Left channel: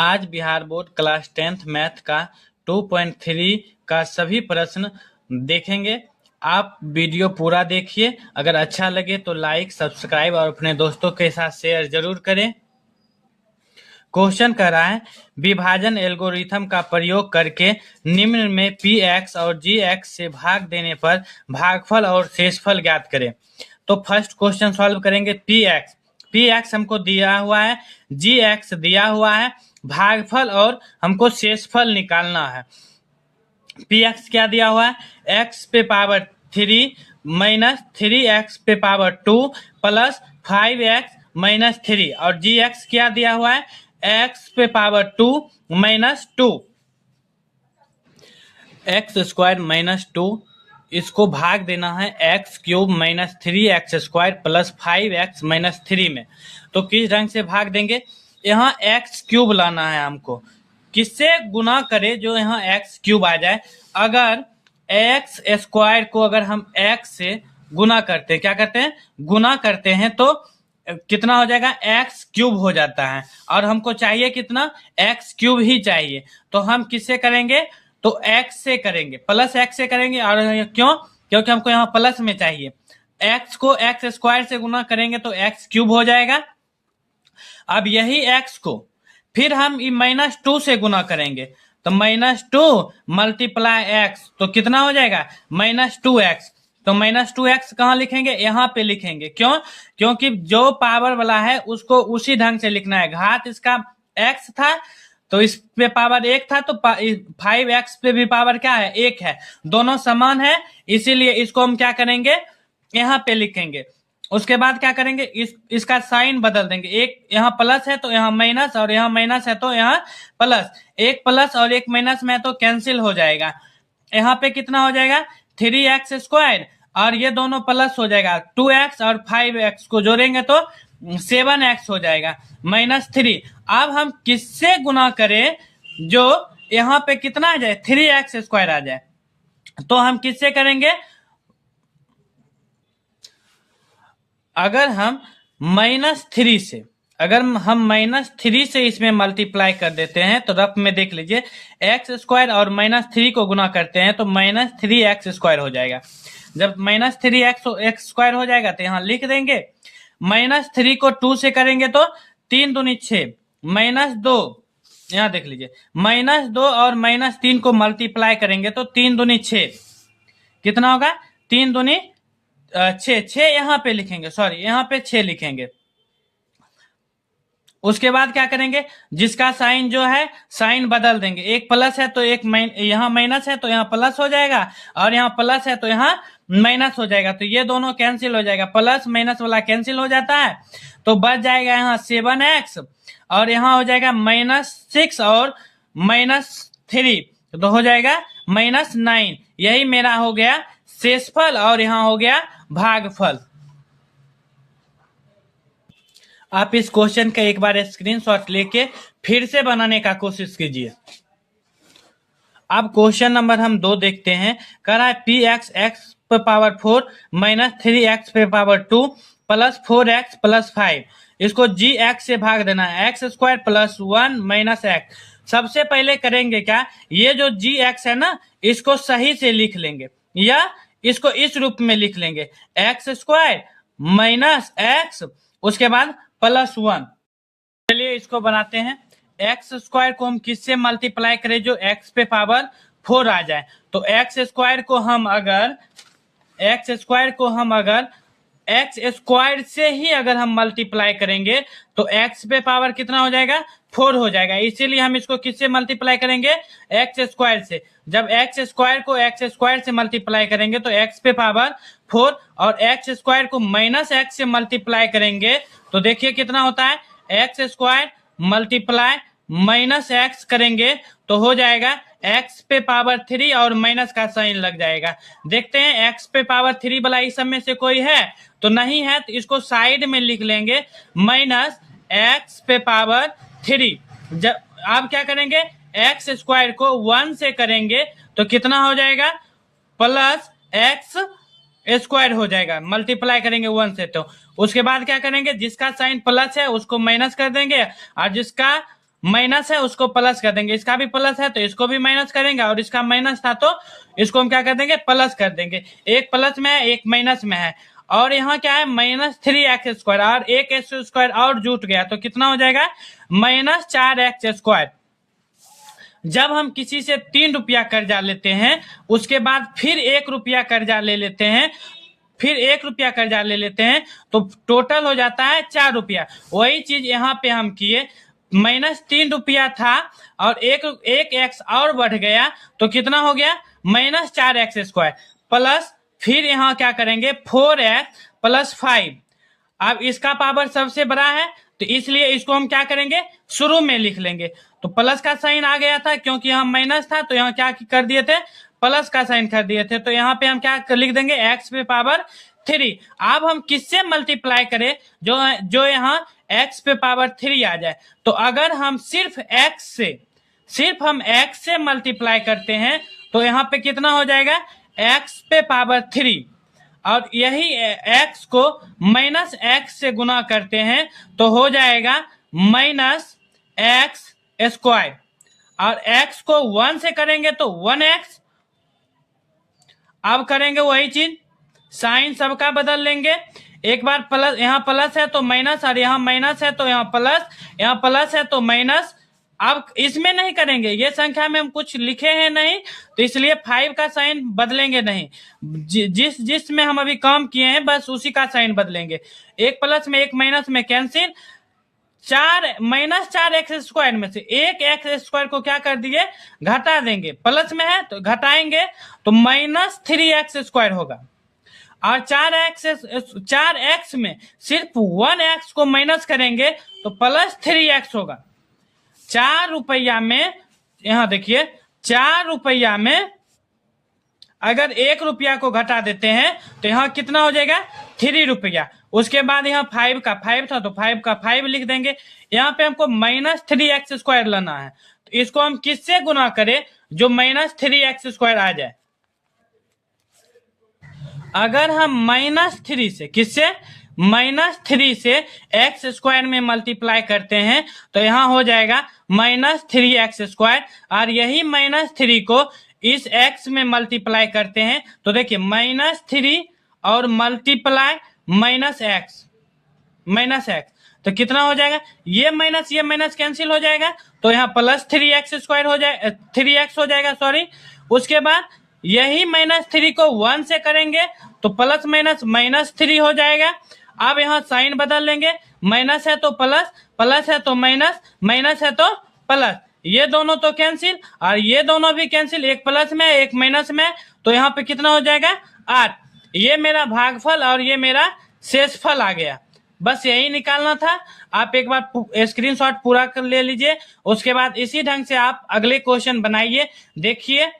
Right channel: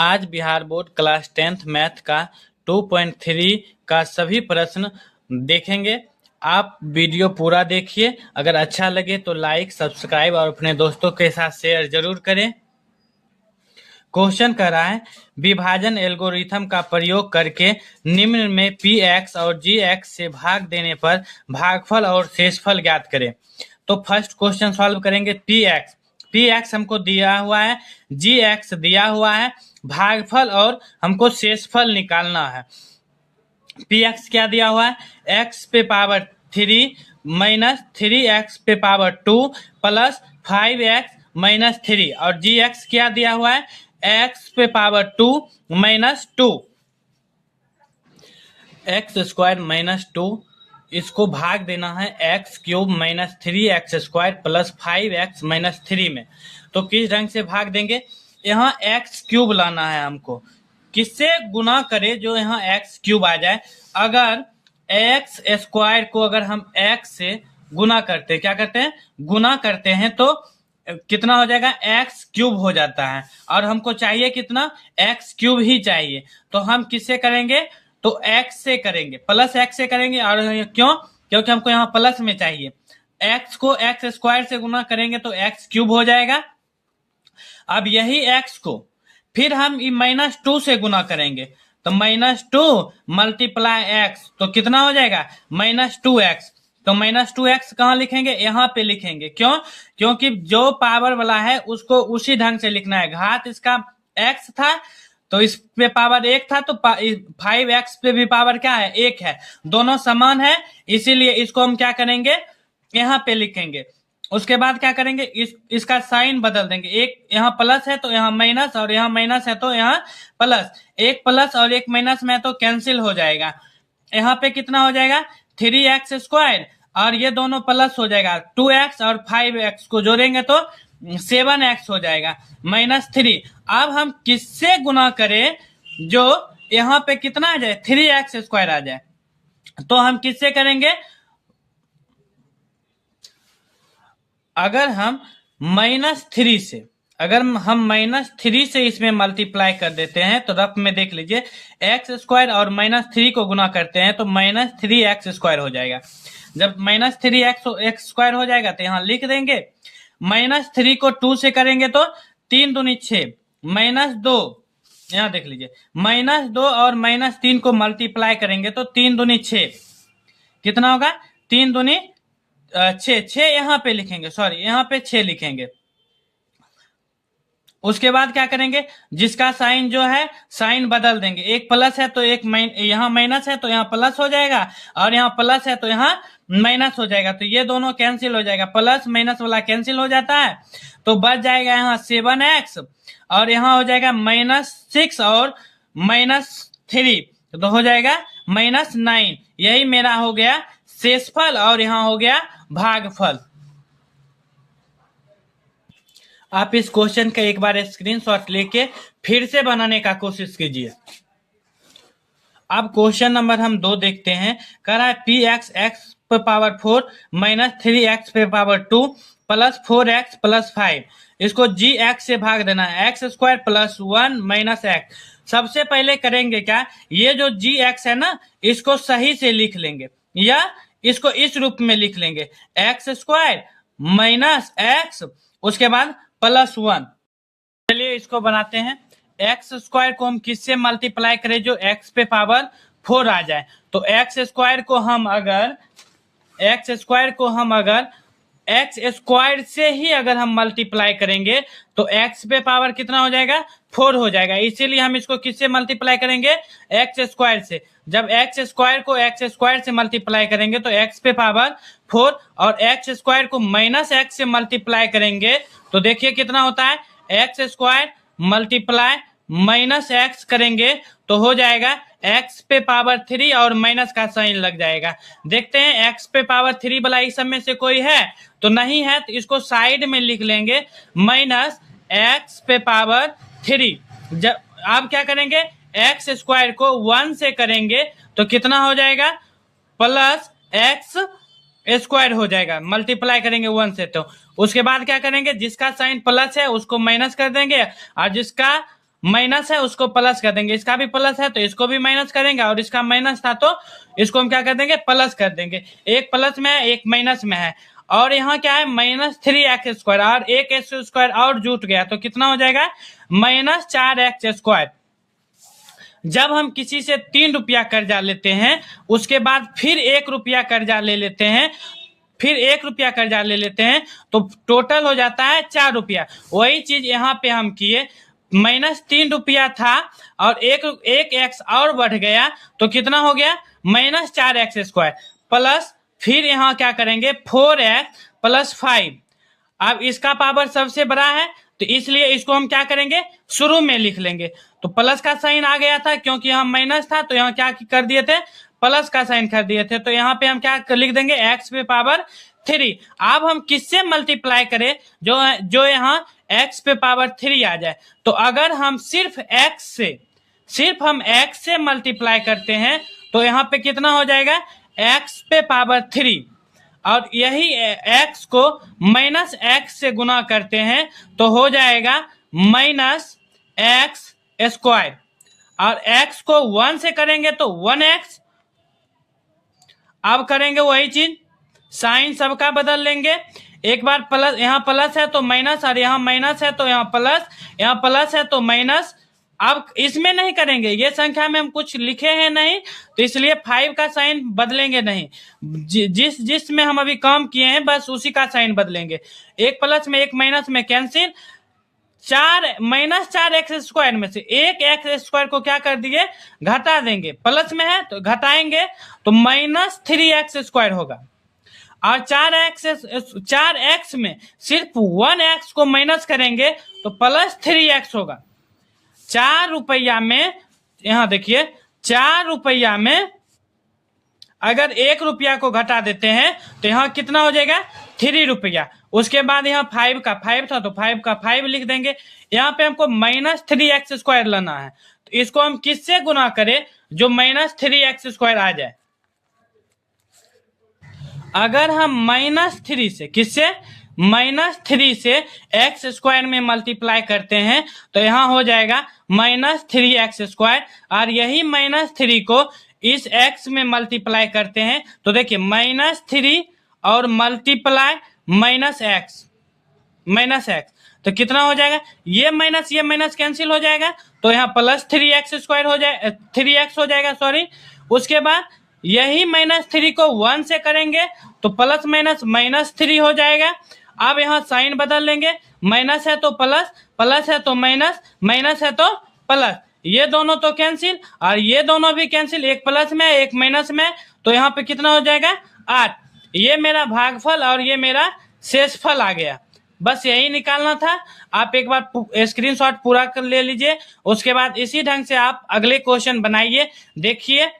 आज Bihar board class 10th math का 2.3 का सभी प्रश्न देखेंगे। आप वीडियो पूरा देखिए। अगर अच्छा लगे तो लाइक, सब्सक्राइब और अपने दोस्तों के साथ शेयर जरूर करें। क्वेश्चन कर रहा है, विभाजन एल्गोरिथम का प्रयोग करके निम्न में पी एक्स और जी एक्स से भाग देने पर भागफल और शेषफल ज्ञात करें। तो फर्स्ट क्वेश्चन सॉल्व करेंगे। पी एक्स हमको दिया हुआ है, जी एक्स दिया हुआ है, भागफल और हमको शेषफल निकालना है। पी एक्स क्या दिया हुआ है, एक्स पे पावर 3 माइनस 3x पे पावर 2 प्लस 5x माइनस 3, और जी एक्स क्या दिया हुआ है, x पे power 2 minus 2, x square minus 2, इसको भाग देना है x cube minus 3x square plus 5x minus 3 में। तो किस ढंग से भाग देंगे, यहाँ एक्स क्यूब लाना है हमको, किससे गुना करे जो यहाँ एक्स क्यूब आ जाए। अगर एक्स स्क्वायर को अगर हम एक्स से गुना करते हैं, क्या करते हैं, गुना करते हैं, तो कितना हो जाएगा, एक्स क्यूब हो जाता है, और हमको चाहिए कितना, एक्स क्यूब ही चाहिए। तो हम किससे करेंगे, तो एक्स से करेंगे, प्लस एक्स से करेंगे। और क्यों, क्योंकि हमको यहाँ प्लस में चाहिए। एक्स को एक्स स्क्वायर से गुना करेंगे तो एक्स क्यूब हो जाएगा। अब यही एक्स को फिर हम माइनस 2 से गुना करेंगे, तो माइनस 2 मल्टीप्लाई एक्स, तो कितना हो जाएगा, माइनस 2x। तो माइनस 2x कहाँ लिखेंगे, यहाँ पे लिखेंगे। क्यों, क्योंकि जो पावर वाला है उसको उसी ढंग से लिखना है। घात इसका x था तो इस पे पावर 1 था, तो 5x पे भी पावर क्या है, 1 है, दोनों समान है, इसीलिए इसको हम क्या करेंगे, यहाँ पे लिखेंगे। उसके बाद क्या करेंगे, इसका साइन बदल देंगे। एक यहाँ प्लस है तो यहाँ माइनस, और यहाँ माइनस है तो यहाँ प्लस। एक प्लस और एक माइनस में तो कैंसिल हो जाएगा। यहाँ पे कितना हो जाएगा, 3x स्क्वायर, और ये दोनों प्लस हो जाएगा। 2x और 5x को जोड़ेंगे तो 7x हो जाएगा माइनस 3। अब हम किससे गुना करें जो यहाँ पे कितना आ जाए, 3x स्क्वायर आ जाए। तो हम किससे करेंगे, अगर हम माइनस 3 से, अगर हम माइनस 3 से इसमें मल्टीप्लाई कर देते हैं तो रफ में देख लीजिए, एक्स स्क्वायर और माइनस 3 को गुना करते हैं तो माइनस 3x स्क्वायर हो जाएगा। जब माइनस 3x स्क्वायर हो जाएगा तो यहाँ लिख देंगे। माइनस 3 को 2 से करेंगे तो 3 दूनी 6, माइनस 2, यहाँ देख लीजिए, माइनस 2 और माइनस 3 को मल्टीप्लाई करेंगे तो 3 दूनी 6, कितना होगा, 3 दूनी 6 यहाँ पे लिखेंगे, सॉरी यहाँ पे 6 लिखेंगे। उसके बाद क्या करेंगे, जिसका साइन जो है साइन बदल देंगे। एक प्लस है तो एक यहाँ माइनस है तो यहाँ प्लस हो जाएगा, और यहाँ प्लस है तो यहाँ माइनस हो जाएगा। तो ये दोनों कैंसिल हो जाएगा, प्लस माइनस वाला कैंसिल हो जाता है, तो बच जाएगा यहाँ 7x, और यहाँ हो जाएगा माइनस 6 और माइनस 3, तो हो जाएगा माइनस 9। यही मेरा हो गया शेषफल, और यहाँ हो गया भागफल। आप इस क्वेश्चन का एक बार स्क्रीनशॉट लेके फिर से बनाने का कोशिश कीजिए। अब क्वेश्चन नंबर हम 2 देखते हैं। कह रहा है पी एक्स एक्स पे पावर 4 माइनस 3x पे पावर 2 प्लस 4x प्लस 5, इसको जी एक्स से भाग देना है, x square plus 1 minus x. सबसे पहले करेंगे क्या, ये जो जी एक्स है ना, इसको सही से लिख लेंगे, या इसको इस रूप में लिख लेंगे, एक्स स्क्वायर माइनस एक्स, उसके बाद प्लस 1। चलिए इसको बनाते हैं। एक्स स्क्वायर को हम किससे मल्टीप्लाई करें जो एक्स पे पावर 4 आ जाए। तो एक्स स्क्वायर को हम अगर एक्स स्क्वायर से ही अगर हम मल्टीप्लाई करेंगे तो एक्स पे पावर कितना हो जाएगा, 4 हो जाएगा। इसीलिए हम इसको किससे मल्टीप्लाई करेंगे, एक्स स्क्वायर से। जब एक्स स्क्वायर को एक्स स्क्वायर से मल्टीप्लाई करेंगे तो एक्स पे पावर 4, और एक्स स्क्वायर को माइनस एक्स से मल्टीप्लाई करेंगे तो देखिए कितना होता है, x square multiply minus x करेंगे तो हो जाएगा एक्स पे पावर 3, और माइनस का साइन लग जाएगा। देखते हैं एक्स पे पावर 3 वाला इस सब में से कोई है तो नहीं है, तो इसको साइड में लिख लेंगे, माइनस एक्स पे पावर 3। जब आप क्या करेंगे, एक्स स्क्वायर को 1 से करेंगे तो कितना हो जाएगा, प्लस एक्स स्क्वायर हो जाएगा, मल्टीप्लाई करेंगे 1 से। तो उसके बाद क्या करेंगे, जिसका साइन प्लस है उसको माइनस कर देंगे, और जिसका माइनस है उसको प्लस कर देंगे, इसका भी प्लस है तो इसको भी माइनस करेंगे, और इसका माइनस था तो इसको हम क्या कर देंगे, प्लस कर देंगे। एक प्लस में है एक माइनस में है, और यहाँ क्या है -3x स्क्वायर, और एक एक्स स्क्वायर और जुट गया तो कितना हो जाएगा, -4x स्क्वायर। जब हम किसी से 3 रुपया कर्जा लेते हैं, उसके बाद फिर 1 रुपया कर्जा ले लेते हैं, फिर 1 रुपया कर्जा ले लेते हैं, तो टोटल हो जाता है 4 रुपया। वही चीज यहाँ पे हम किए, -3 रुपया था और एक एक्स और बढ़ गया तो कितना हो गया, -4x स्क्वायर, प्लस फिर यहाँ क्या करेंगे 4x + 5। अब इसका पावर सबसे बड़ा है तो इसलिए इसको हम क्या करेंगे, शुरू में लिख लेंगे। तो प्लस का साइन आ गया था क्योंकि यहाँ माइनस था, तो यहाँ क्या कर दिए थे, प्लस का साइन कर दिए थे, तो यहाँ पे हम क्या लिख देंगे, x⁻3। अब हम किससे मल्टीप्लाई करें जो यहाँ x⁻3 आ जाए। तो अगर हम सिर्फ x से मल्टीप्लाई करते हैं तो यहाँ पे कितना हो जाएगा, x⁻3, और यही x को -x से गुना करते हैं तो हो जाएगा -x स्क्वायर, और x को 1 से करेंगे तो 1x। अब करेंगे वही चीज, साइन सबका बदल लेंगे, एक बार प्लस, यहाँ प्लस है तो माइनस, और यहाँ माइनस है तो यहाँ प्लस, यहाँ प्लस है तो माइनस। अब इसमें नहीं करेंगे, ये संख्या में हम कुछ लिखे हैं नहीं तो इसलिए 5 का साइन बदलेंगे नहीं, जिसमें हम अभी काम किए हैं बस उसी का साइन बदलेंगे। एक प्लस में एक माइनस में कैंसिल, -4x स्क्वायर में से एक x स्क्वायर को क्या कर दिए, घटा देंगे, प्लस में है तो घटाएंगे तो -3x स्क्वायर होगा, और 4x में सिर्फ 1x को माइनस करेंगे तो +3x होगा। 4 रुपया में, यहाँ देखिए 4 रुपया में अगर 1 रुपया को घटा देते हैं तो यहाँ कितना हो जाएगा, 3 रुपया। उसके बाद यहाँ 5 का 5 था तो 5 का 5 लिख देंगे। यहाँ पे हमको -3x स्क्वायर लेना है, तो इसको हम किससे गुना करें जो -3x स्क्वायर आ जाए। अगर हम -3 से, किससे, -3 से x स्क्वायर में मल्टीप्लाई करते हैं तो यहाँ हो जाएगा -3x स्क्वायर, और यही -3 को इस x में मल्टीप्लाई करते हैं तो देखिए -3 और मल्टीप्लाई -x तो कितना हो जाएगा, ये माइनस कैंसिल हो जाएगा तो यहाँ +3x स्क्वायर हो जाए, 3x हो जाएगा सॉरी। उसके बाद यही -3 को 1 से करेंगे तो प्लस माइनस -3 हो जाएगा। अब यहाँ साइन बदल लेंगे, माइनस है तो प्लस, प्लस है तो माइनस, माइनस है तो प्लस, ये दोनों तो कैंसिल और ये दोनों भी कैंसिल, एक प्लस में एक माइनस में, तो यहाँ पे कितना हो जाएगा 8। ये मेरा भागफल और ये मेरा शेषफल आ गया। बस यही निकालना था। आप एक बार स्क्रीनशॉट पूरा कर ले लीजिए, उसके बाद इसी ढंग से आप अगले क्वेश्चन बनाइए, देखिए